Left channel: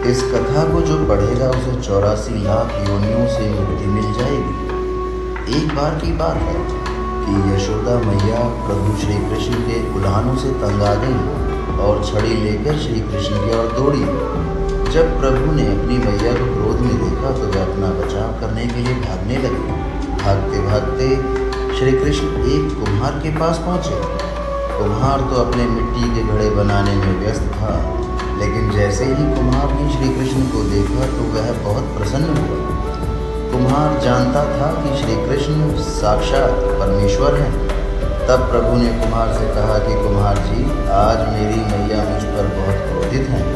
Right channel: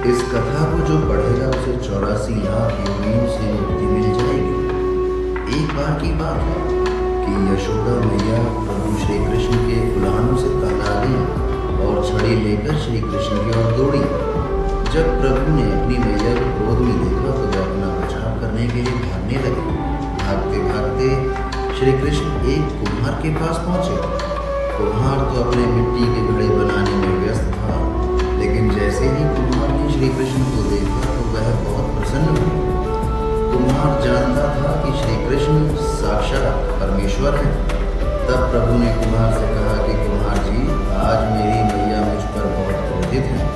इस कथा को जो पढ़ेगा उसे 84 लाख योनियों से मुक्ति मिल जाएगी। एक बार की बात है कि यशोदा मैया प्रभु श्री कृष्ण के उल्हानों से तंग आ गई और छड़ी लेकर श्री कृष्ण की ओर दौड़ी। जब प्रभु ने अपनी मैया को क्रोध में देखा तो वे अपना बचाव करने के लिए भागने लगे। भागते भागते श्री कृष्ण एक कुम्हार के पास पहुँचे। कुम्हार तो अपने मिट्टी के घड़े बनाने में व्यस्त था, लेकिन जैसे ही कुम्हार ने श्री कृष्ण को देखा तो वह बहुत प्रसन्न हुआ। कुम्हार जानता था कि श्री कृष्ण साक्षात परमेश्वर हैं। तब प्रभु ने कुम्हार से कहा कि कुम्हार जी, आज मेरी मैया मुझ पर बहुत क्रोधित हैं।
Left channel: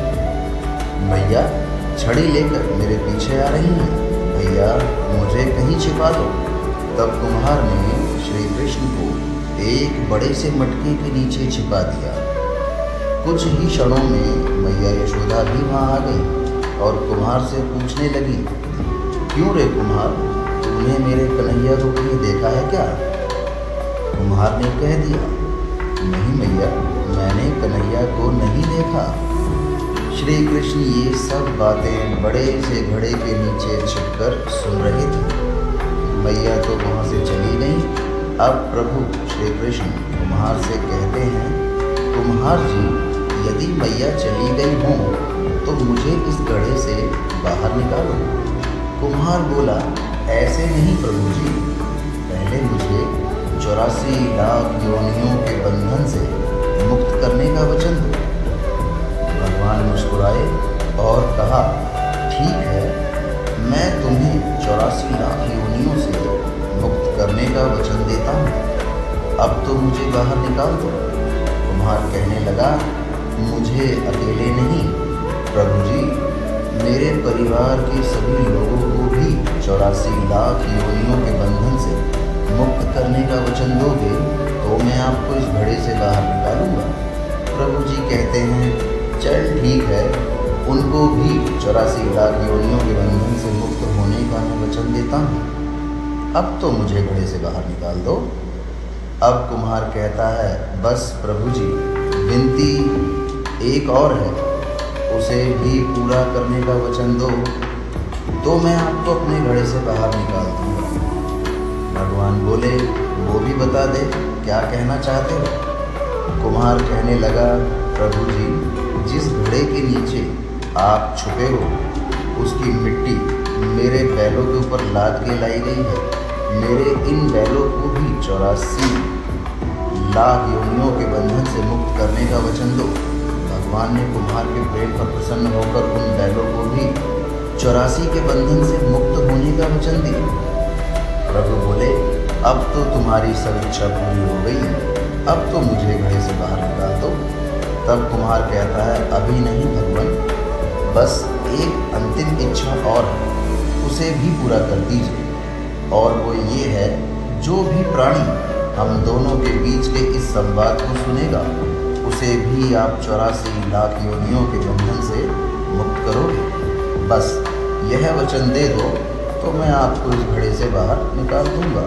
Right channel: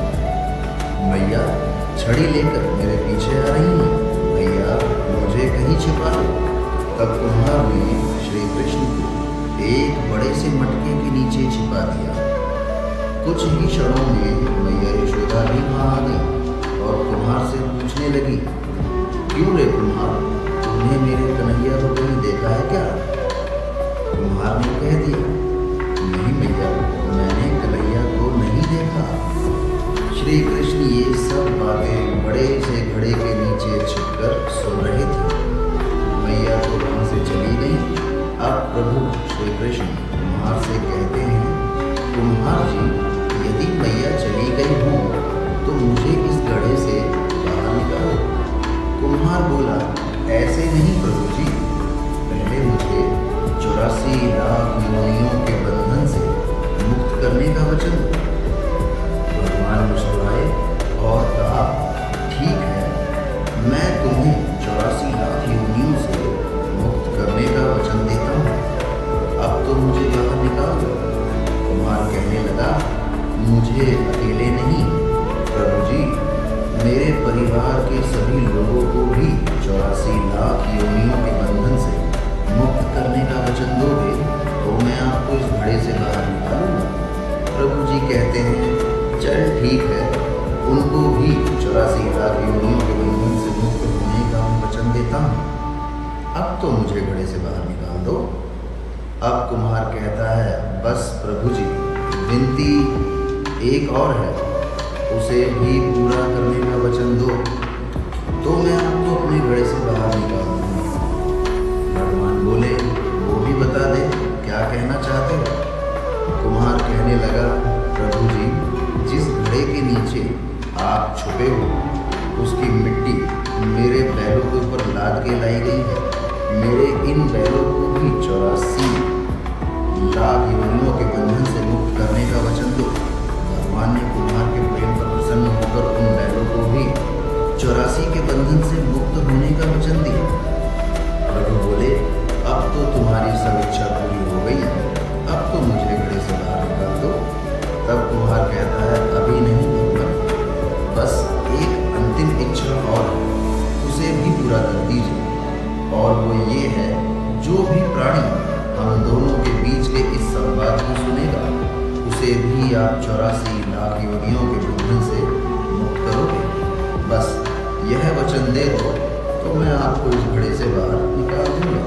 मैया छड़ी लेकर मेरे पीछे आ रही हैं। भैया मुझे कहीं छिपा दो। तब कुम्हार ने श्री कृष्ण को एक बड़े से मटके के नीचे छिपा दिया। कुछ ही क्षणों में मैया यशोदा भी वहाँ आ गई और कुम्हार से पूछने लगी, क्यों रे कुम्हार, तुमने मेरे कन्हैया को कहीं देखा है क्या? कुम्हार ने कह दिया, नहीं मैया, मैंने कन्हैया को नहीं देखा। श्री कृष्ण ये सब बातें बड़े से घड़े के नीचे छिपकर सुन रहे थे। मैया तो वहाँ से चली गई। अब प्रभु श्री कृष्ण कुम्हार से कहते हैं, कुम्हार जी, यदि मैया चली गई हों तो मुझे इस गड्ढे से बाहर निकालो। कुम्हार बोला, ऐसे नहीं प्रभु जी, पहले मुझे 84 लाख योनियों के बंधन से मुक्त करने का वचन दो। भगवान मुस्कुराए और कहा, ठीक है, मैं तुम्हें 84 लाख योनियों से मुक्त करने का वचन देता हूँ। अब तो मुझे बाहर निकाल दो। कुम्हार कहने लगा, मुझे अकेले नहीं प्रभु जी, मेरे परिवार के सभी लोगों को भी 84 लाख योनियों के बंधन से मुक्त करने का वचन दोगे तो मैं आपको इस घड़े से बाहर निकालूंगा। प्रभु जी कहते हैं, चल ठीक है, उनको भी 84 लाख योनियों के बंधन से मुक्त होने का वचन देता हूँ। अब तो मुझे घड़े से बाहर निकाल दो। अब कुम्हार कहता है, बस प्रभु जी, विनती एक और है, उसे भी पूरा करने का वचन दो तो मैं आपको अपने घड़े से बाहर निकाल दूँगा। भगवान बोले, वो भी बता दे, क्या कहना चाहते हो? कुम्हार कहने लगा, प्रभु जी, जिस घड़े के नीचे आप छुपे हो उसकी मिट्टी मेरे बैलों के ऊपर लाद के लाई गई है। मेरे इन बैलों को भी 84 लाख योनियों के बंधन से मुक्त करने का वचन दो। भगवान ने कुम्हार के प्रेम पर प्रसन्न होकर उन बैलों को भी 84 के बंधन से मुक्त होने का वचन दिया। प्रभु बोले, अब तो तुम्हारी सब इच्छा पूरी हो गई, अब तो मुझे घड़े से बाहर निकाल दो। तब कुम्हार कहता है, अभी नहीं भगवान, बस एक अंतिम इच्छा और है, उसे भी पूरा कर दीजिए। और वो ये है, जो भी प्राणी हम दोनों के बीच के इस संवाद को सुनेगा उसे भी आप 84 लाख योनियों के बंधन से मुक्त करोगे। बस यह वचन दे दो तो मैं आपको इस घड़े से बाहर निकाल दूंगा।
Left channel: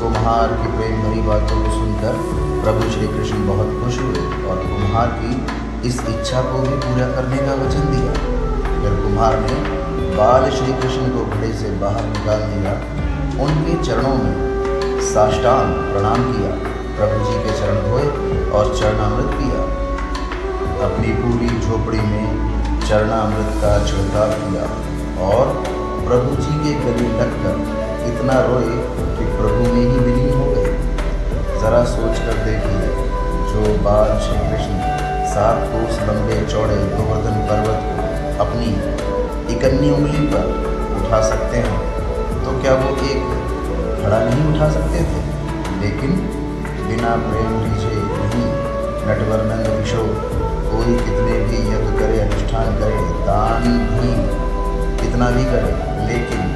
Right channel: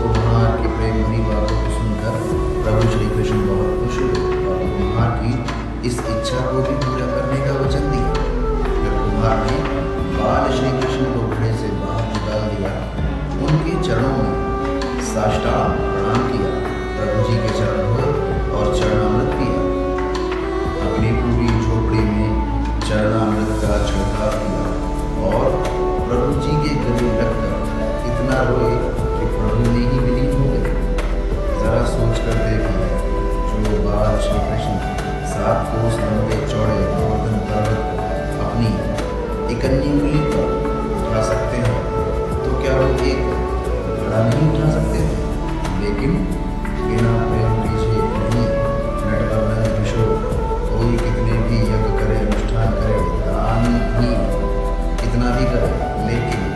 कुम्हार की प्रेम भरी बातों को सुनकर प्रभु श्री कृष्ण बहुत खुश हुए और कुम्हार की इस इच्छा को भी पूरा करने का वचन दिया। फिर कुम्हार ने बाल श्री कृष्ण को घड़े से बाहर निकाल दिया, उनके चरणों में साष्टांग प्रणाम किया, प्रभु जी के चरण धोए और चरणामृत पिया। अपनी पूरी झोपड़ी में चरणामृत का छिड़काव किया और प्रभु जी के गले लगकर इतना रोए कि प्रभु में ही विलीन हो गए। जरा सोच कर देखिए, जो बाल श्री कृष्ण 7 कोस लंबे चौड़े गोवर्धन पर्वत को अपनी इकन्नी उंगली पर उठा सकते हैं, तो क्या वो एक घड़ा नहीं उठा सकते थे? लेकिन बिना प्रेम रीझे नहीं नटवर्णन किशोर, कोई कितने भी यज्ञ करे, अनुष्ठान करे, दान भी कितना भी करे, लेकिन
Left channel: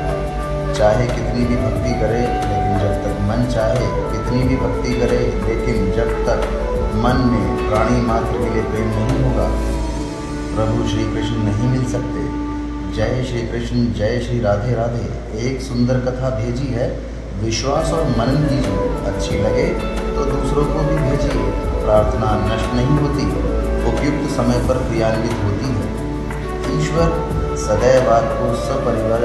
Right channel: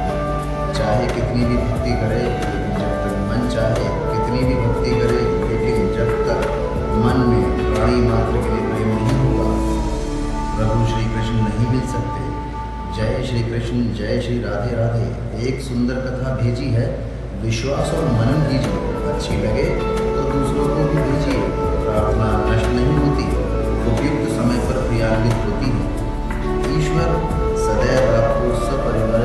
चाहे कितनी भी भक्ति करे, लेकिन जब तक मन चाहे कितनी भी भक्ति करे, लेकिन जब तक मन में प्राणी मात्र के लिए प्रेम नहीं होगा, प्रभु श्री कृष्ण नहीं मिल सकते। जय श्री कृष्ण, जय श्री राधे राधे। एक सुंदर कथा भेजी है, विश्वास और मनन कीजिए, अच्छी लगे तो दूसरों को भी भेजिए। प्रार्थना नष्ट नहीं होती, उपयुक्त समय पर क्रियान्वित होती है। ईश्वर ईश्वर सदैव आपको सपरिवार